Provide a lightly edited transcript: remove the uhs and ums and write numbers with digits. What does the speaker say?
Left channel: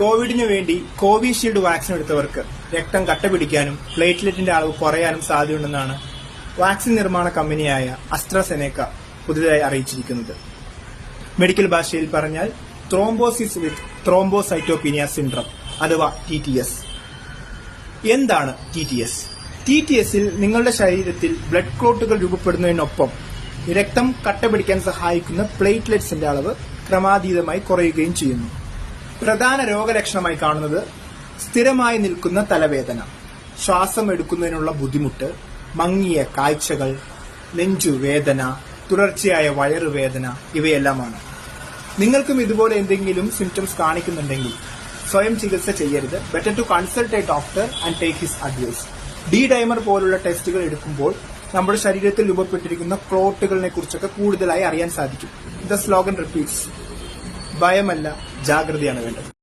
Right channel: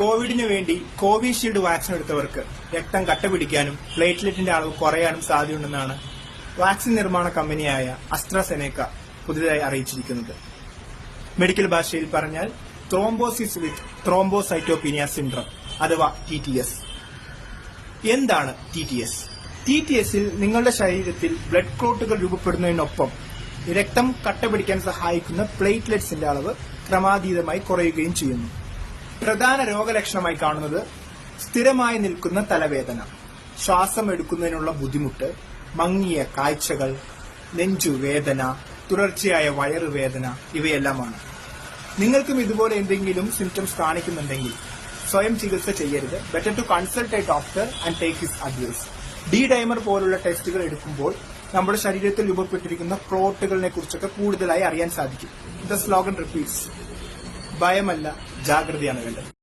കോവിഡിന് വേണ്ടി Covishield vaccine എടുത്തവർക്ക് രക്തം കട്ടപിടിക്കാനും പ്ലേറ്റ്ലെറ്റിന്റെ അളവ് കുറയാനും സാധ്യതയുണ്ടെന്നാണ് വാക്സിൻ നിർമ്മാണ കമ്പനിയായ അസ്ട്രാസെനേക്ക പുതുതായി അറിയിച്ചിരിക്കുന്നത്. മെഡിക്കൽ ഭാഷയിൽ പറഞ്ഞാൽ ത്രോംബോസിസ് വിത്ത് ത്രോംബോസൈറ്റോപീനിയ സിൻഡ്രം അഥവാ TTS. എന്താണ് TTS? TTSൽ നിങ്ങളുടെ ശരീരത്തിൽ ബ്ലഡ് ക്ലോട്ടുകൾ രൂപപ്പെടുന്നതിനൊപ്പം രക്തം കട്ടപിടിക്കാൻ സഹായിക്കുന്ന പ്ലേറ്റ്ലെറ്റ്സിന്റെ അളവ് ക്രമാതീതമായി കുറയുകയും ചെയ്യുന്നു. പ്രധാന രോഗലക്ഷണമായി കാണുന്നത് സ്ഥിരമായി നിൽക്കുന്ന തലവേദന, ശ്വാസം എടുക്കുന്നതിനുള്ള ബുദ്ധിമുട്ട്, മങ്ങിയ കാഴ്ചകൾ, നെഞ്ചുവേദന, തുടർച്ചയായ വയറുവേദന ഇവയെല്ലാമാണ്. നിങ്ങൾക്കും ഇതുപോലെ എന്തെങ്കിലും സിംറ്റംസ് കാണിക്കുന്നുണ്ടെങ്കിൽ സ്വയം ചികിത്സ ചെയ്യരുത്. Better to consult a doctor and take his advice. Dimer പോലുള്ള ടെസ്റ്റുകൾ എടുക്കുമ്പോൾ നമ്മുടെ ശരീരത്തിൽ രൂപപ്പെട്ടിരിക്കുന്ന ക്ലോട്ടുകളെ കുറിച്ചൊക്കെ കൂടുതലായി അറിയാൻ സാധിക്കും. ദ സ്ലോഗൻ റിപ്പീറ്റ്സ്: ഭയമല്ല, ജാഗ്രതയാണ് വേണ്ടത്.